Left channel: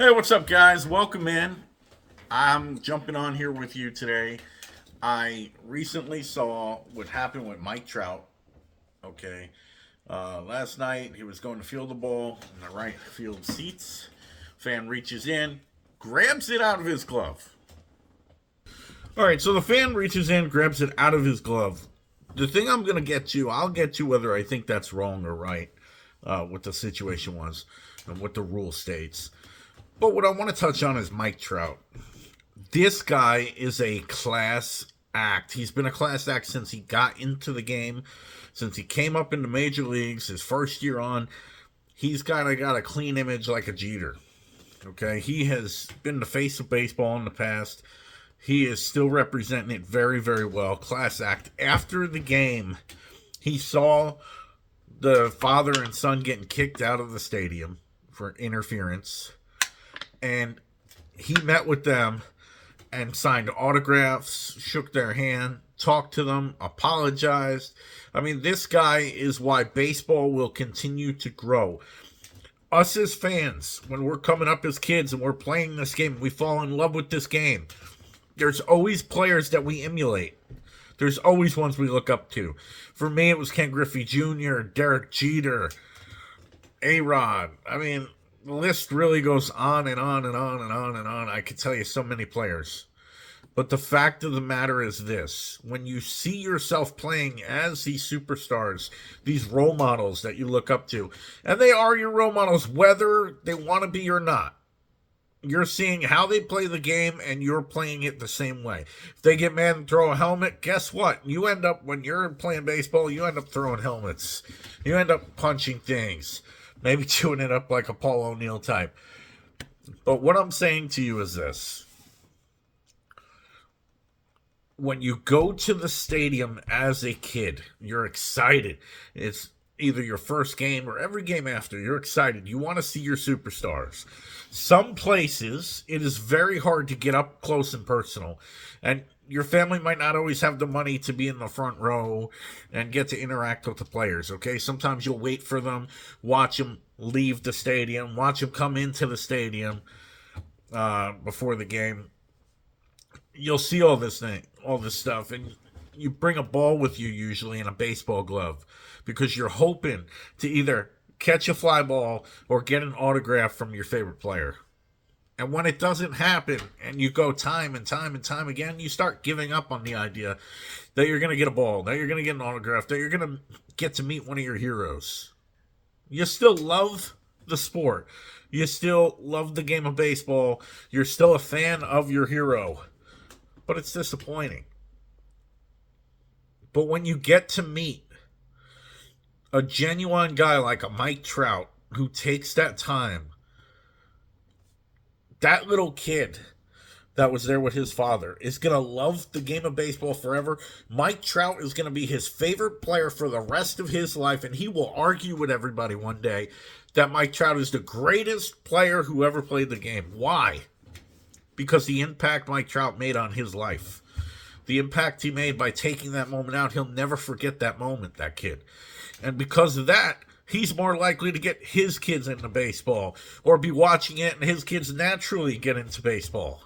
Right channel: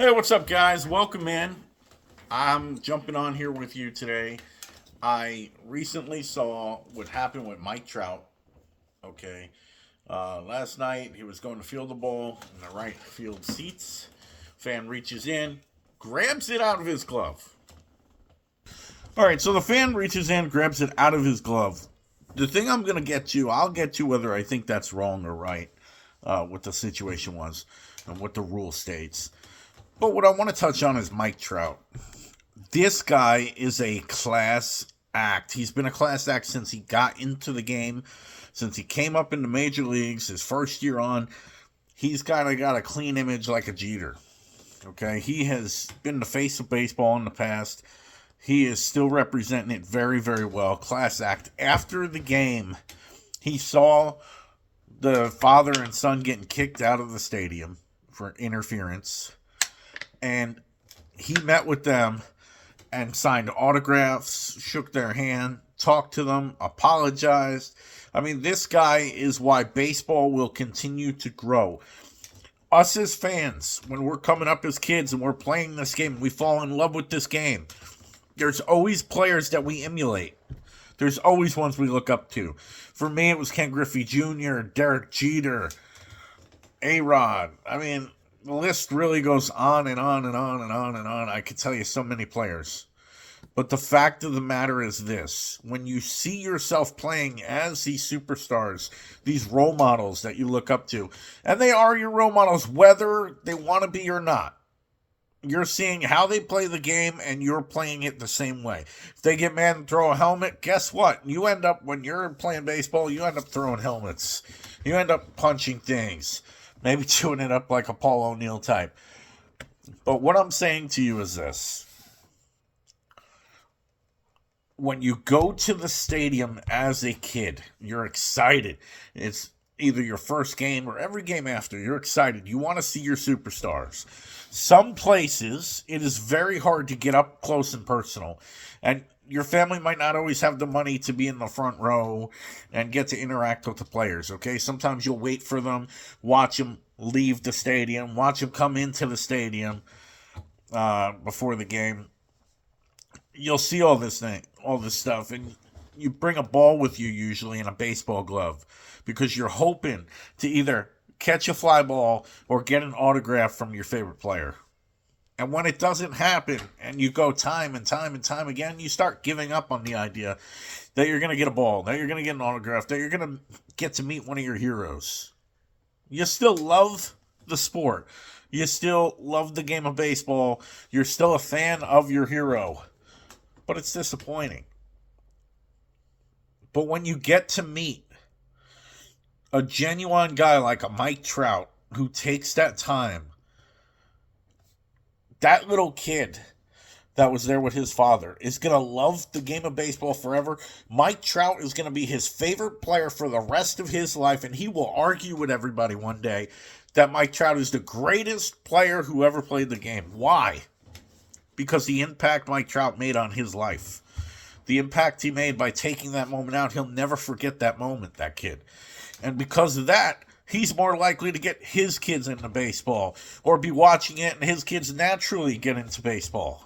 Hey, what's up, guys? Welcome in. I'm jumping on here with you today. I recently saw what happened with Mike Trout. Okay. Last night, he was going to field the ball in the right field seats. Fan reaches in, grabs it out of his glove. All right, so the fan reaches in, grabs it out of his glove. The thing I'm going to get to, I'll get to whether I think that's wrong or right, what the situation was and what the rule states. But what I want to touch on is Mike Trout. This guy is a class act. He's been a class act since he got into the game, since he came up in the major leagues, his first year on. He's kind of got a clean image like a Jeter. Okay, he has been the face of baseball in the past. He is still representing it very, very well. Class act. After the game, he saw the father and son getting kicked out of the stadium for interference. And he met with them and signed autographs, shook their hand, talked to them, apologized. I mean, this guy is why baseball will continue to grow. Us as fans, when we're coming up as kids and we're playing this game, we fall in love with this game. There's always players that we emulate. There's always ones we look up to. For me, it was Ken Griffey Jr., Derek Jeter, A-Rod. I mean, the list really goes on and on and on and on and on. I could tell you so many players. But the fact of the matter is this. When you see yourself playing as these superstars, these role models that you look up to, and they are your role models whether they want to be or not. You're seeing how they play the game, and you're playing it the same way. If they get mad and throw a helmet, guess what? You end up, when you're playing baseball, you end up throwing helmets. You end up punching things. Maybe chewing it up like a Paul O'Neill type. But what I'm saying to you is this. When you go to the stadium as a kid, you're excited. It's either your first game or every game after. You're excited. You want to see your superstars. Some places, it is very hard to get up close and personal. And your family might not always have the money to be in the front row and get to interact with the players, okay? Sometimes you'll wait for them, watch them leave the stadium, watch them come into the stadium before the game. You'll see all this stuff, and you bring a ball with you usually in a baseball glove because you're hoping to either catch a fly ball or get an autograph from your favorite player. And when it doesn't happen and you go time and time and time again, you start giving up on the idea that you're going to get a ball, that you're going to get an autograph, that you're going to get to meet one of your heroes. You still love the sport. You still love the game of baseball. You're still a fan of your hero. But it's disappointing. But when you get to meet a genuine guy like a Mike Trout who takes that time, that little kid that was there with his father is going to love the game of baseball forever. Mike Trout is going to be his favorite player for the rest of his life, and he will argue with everybody one day that Mike Trout is the greatest player who ever played the game. Why? Because the impact Mike Trout made on his life. The impact he made by taking that moment out, he'll never forget that moment, that kid. And because of that, he's more likely to get his kids into baseball or be watching it and his kids naturally get into baseball.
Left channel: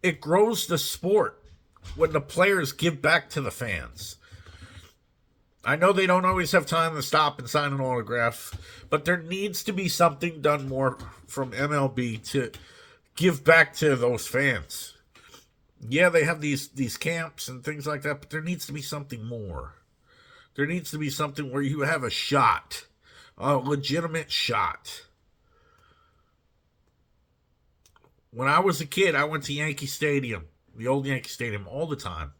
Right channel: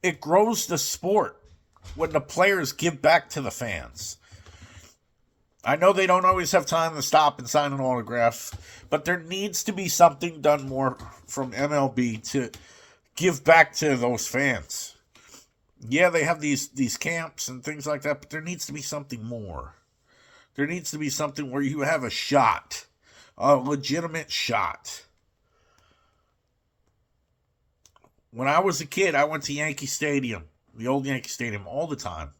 It grows the sport when the players give back to the fans. I know they don't always have time to stop and sign an autograph, but there needs to be something done more from MLB to give back to those fans. Yeah, they have these camps and things like that, but there needs to be something more. There needs to be something where you have a shot, a legitimate shot. When I was a kid, I went to Yankee Stadium, the old Yankee Stadium, all the time.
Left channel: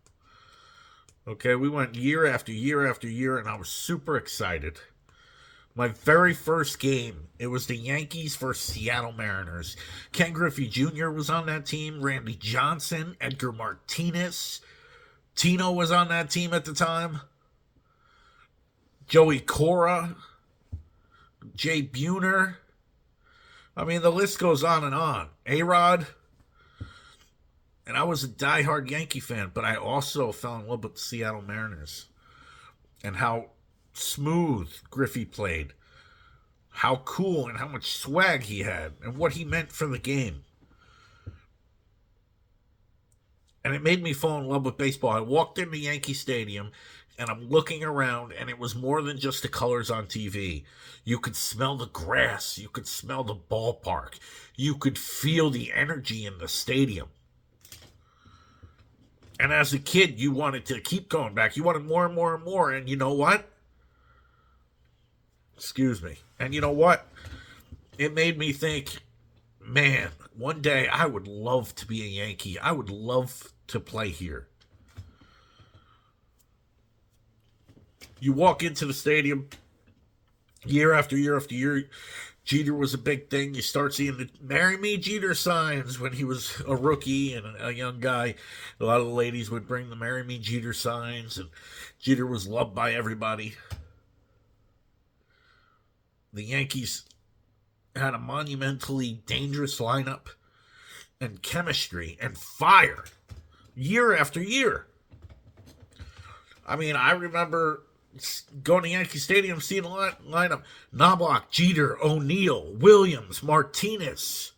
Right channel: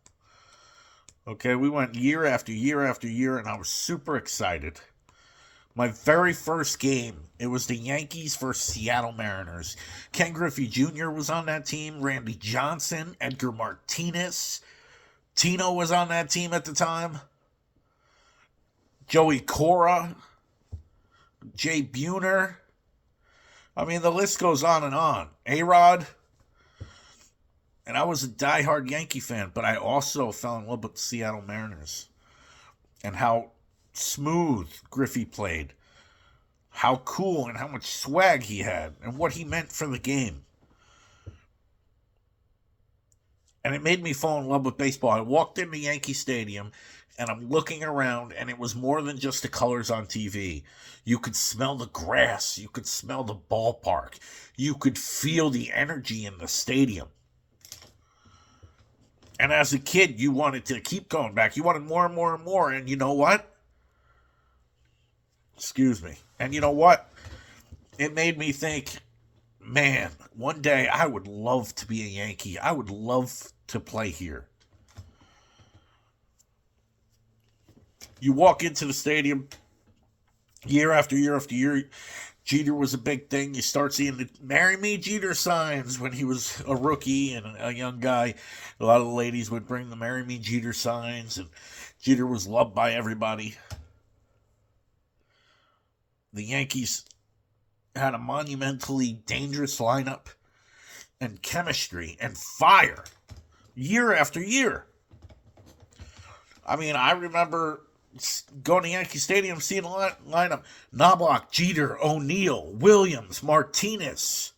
Okay, we went year after year after year, and I was super excited. My very first game, it was the Yankees versus Seattle Mariners. Ken Griffey Jr. was on that team, Randy Johnson, Edgar Martinez. Tino was on that team at the time. Joey Cora, Jay Buhner. I mean, the list goes on and on. A-Rod. And I was a diehard Yankee fan, but I also fell in love with the Seattle Mariners and how smooth Griffey played, how cool and how much swag he had and what he meant for the game. And it made me fall in love with baseball. I walked into Yankee Stadium and I'm looking around, and it was more than just the colors on TV. You could smell the grass, you could smell the ballpark, you could feel the energy in the stadium. And as a kid, you wanted to keep going back. You wanted more and more and more. And you know what? Excuse me. And you know what? It made me think, man, one day I would love to be a Yankee. I would love to play here. You walk into the stadium year after year after year. Jeter was a big thing. You start seeing the "Marry Me Jeter" signs when he was a rookie and a young guy. A lot of the ladies would bring the "Marry Me Jeter" signs, and Jeter was loved by everybody. The Yankees had a monumentally dangerous lineup and chemistry and fire year after year. I mean, I remember going to Yankee Stadium, seeing a lineup: Knobloch, Jeter, O'Neill, Williams, Martinez.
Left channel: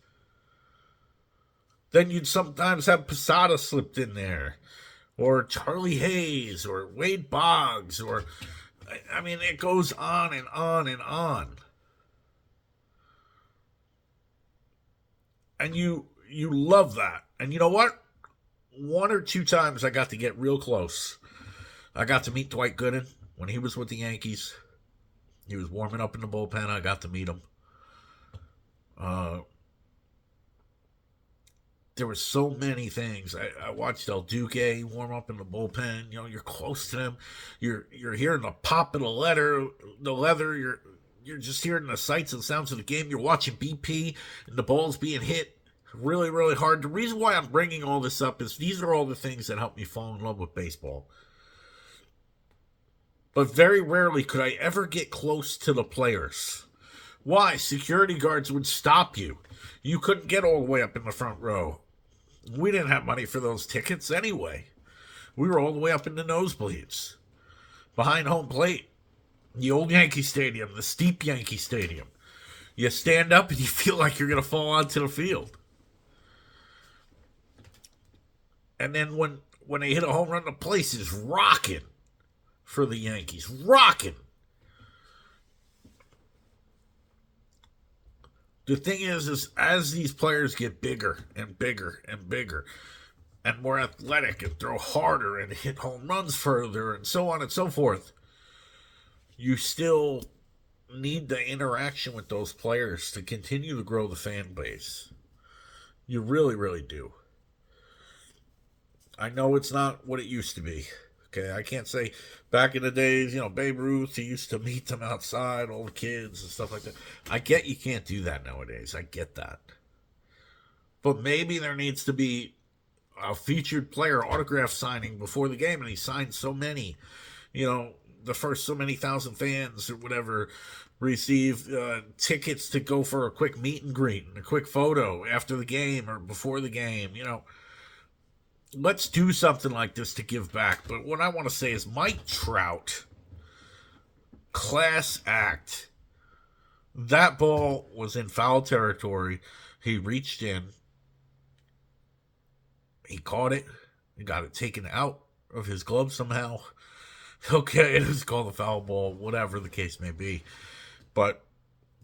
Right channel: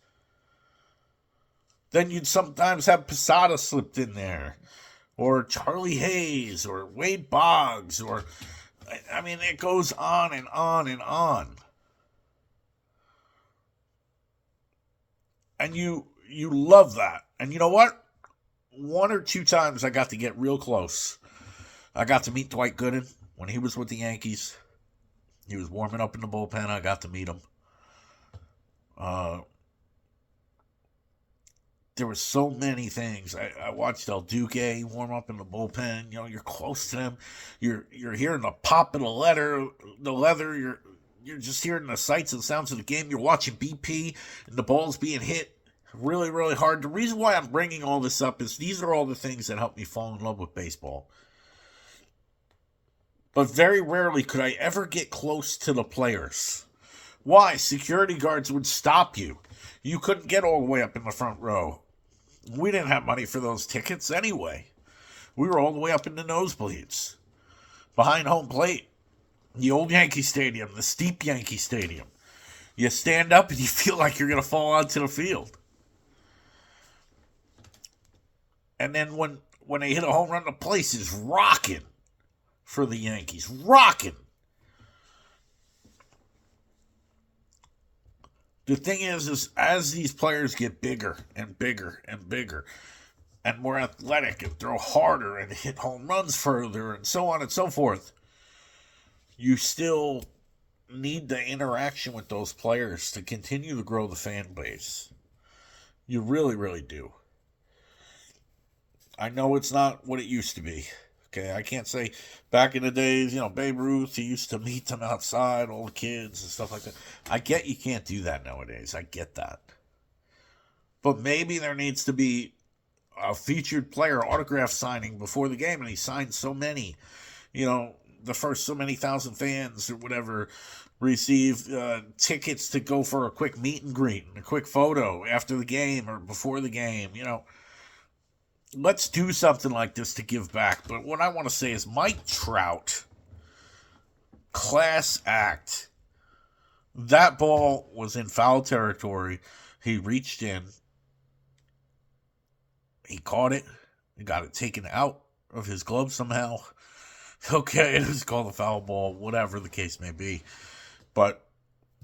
Then you'd sometimes have Posada slipped in there, or Charlie Hayes, or Wade Boggs, or, I mean, it goes on and on and on. And you love that. And you know what? One or two times I got to get real close. I got to meet Dwight Gooden when he was with the Yankees. He was warming up in the bullpen. I got to meet him. There were so many things. I watched El Duque warm up in the bullpen. You know, you're close to them. You're hearing the pop of the leather. You're just hearing the sights and sounds of the game. You're watching BP and the balls being hit really, really hard. The reason why I'm bringing all this up is these are all the things that helped me fall in love with baseball. But very rarely could I ever get close to the players. Why? Security guards would stop you. You couldn't get all the way up in the front row. We didn't have money for those tickets anyway. We were all the way up in the nosebleeds, behind home plate. The old Yankee Stadium, the steep Yankee Stadium. You stand up and you feel like you're going to fall onto the field. And then when they hit a home run, the place is rocking for the Yankees. Rocking. The thing is as these players get bigger and bigger and bigger and more athletic and throw harder and hit home runs further and so on and so forth, you still need the interaction with those players to continue to grow the fan base. You really, really do. I know it's not what it used to be. Okay, I can't say back in the days, Babe Ruth, he used to meet them outside, all the kids and stuff like that. I get you can't do that nowadays. I get that. But maybe there needs to be a featured player autograph signing before the game, and he signed so many. The first so many thousand fans or whatever receive tickets to go for a quick meet and greet and a quick photo after the game or before the game, Let's do something like this to give back. But what I want to say is Mike Trout, class act. That ball was in foul territory. He reached in. He caught it. He got it taken out of his glove somehow. Okay, it was called a foul ball, whatever the case may be. But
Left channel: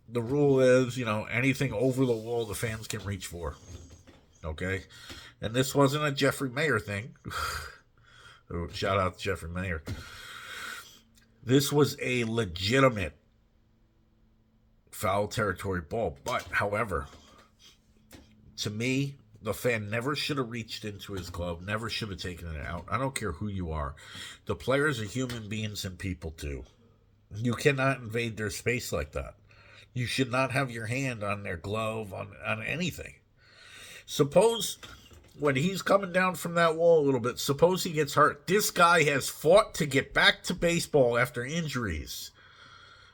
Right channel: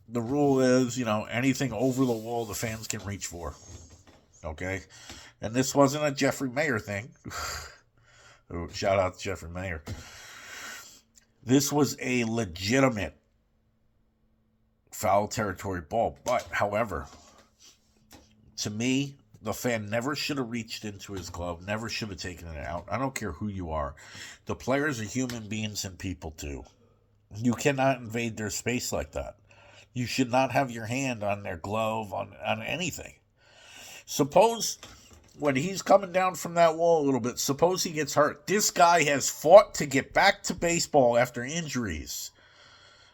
the rule is, anything over the wall the fans can reach for. Okay? And this wasn't a Jeffrey Mayer thing. Shout out to Jeffrey Mayer. This was a legitimate foul territory ball. But, however, to me, the fan never should have reached into his glove, never should have taken it out. I don't care who you are. The players are human beings and people too. You cannot invade their space like that. You should not have your hand on their glove, on anything. Suppose when he's coming down from that wall a little bit, suppose he gets hurt. This guy has fought to get back to baseball after injuries.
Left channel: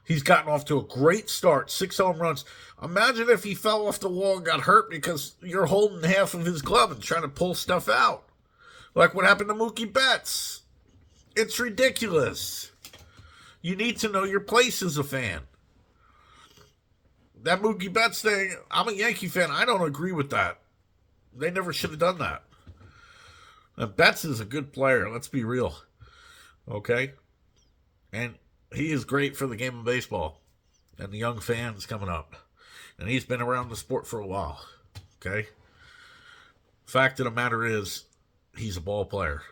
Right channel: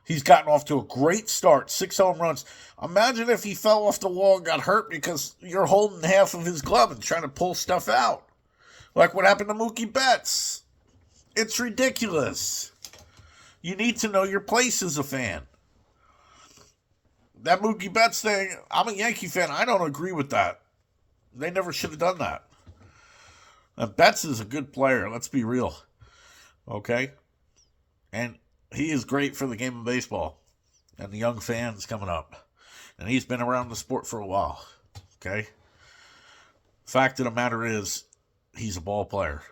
He's gotten off to a great start, 6 home runs. Imagine if he fell off the wall and got hurt because you're holding half of his glove and trying to pull stuff out. Like what happened to Mookie Betts. It's ridiculous. You need to know your place as a fan. that Mookie Betts thing, I'm a Yankee fan. I don't agree with that. They never should have done that. And Betts is a good player. Let's be real. Okay? And he is great for the game of baseball and the young fans coming up. And he's been around the sport for a while. Okay? Fact of the matter is, he's a ball player.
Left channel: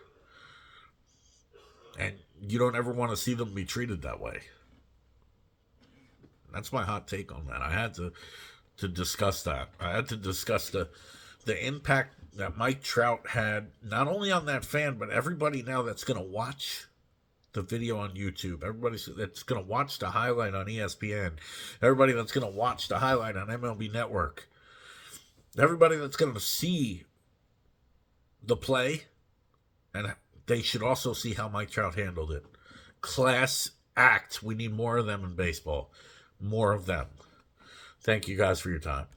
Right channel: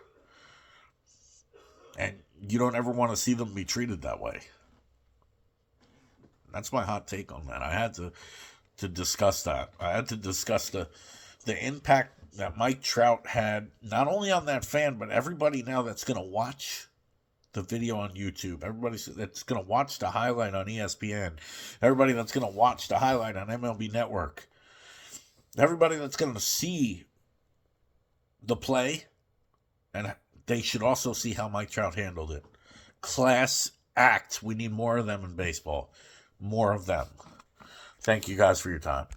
And you don't ever want to see them be treated that way. That's my hot take on that. I had to discuss that. I had to discuss the impact that Mike Trout had, not only on that fan, but everybody now that's going to watch the video on YouTube. Everybody that's going to watch the highlight on ESPN. Everybody that's going to watch the highlight on MLB Network. Everybody that's going to see the play, and they should also see how Mike Trout handled it. Class act. We need more of them in baseball. More of them. Thank you guys for your time.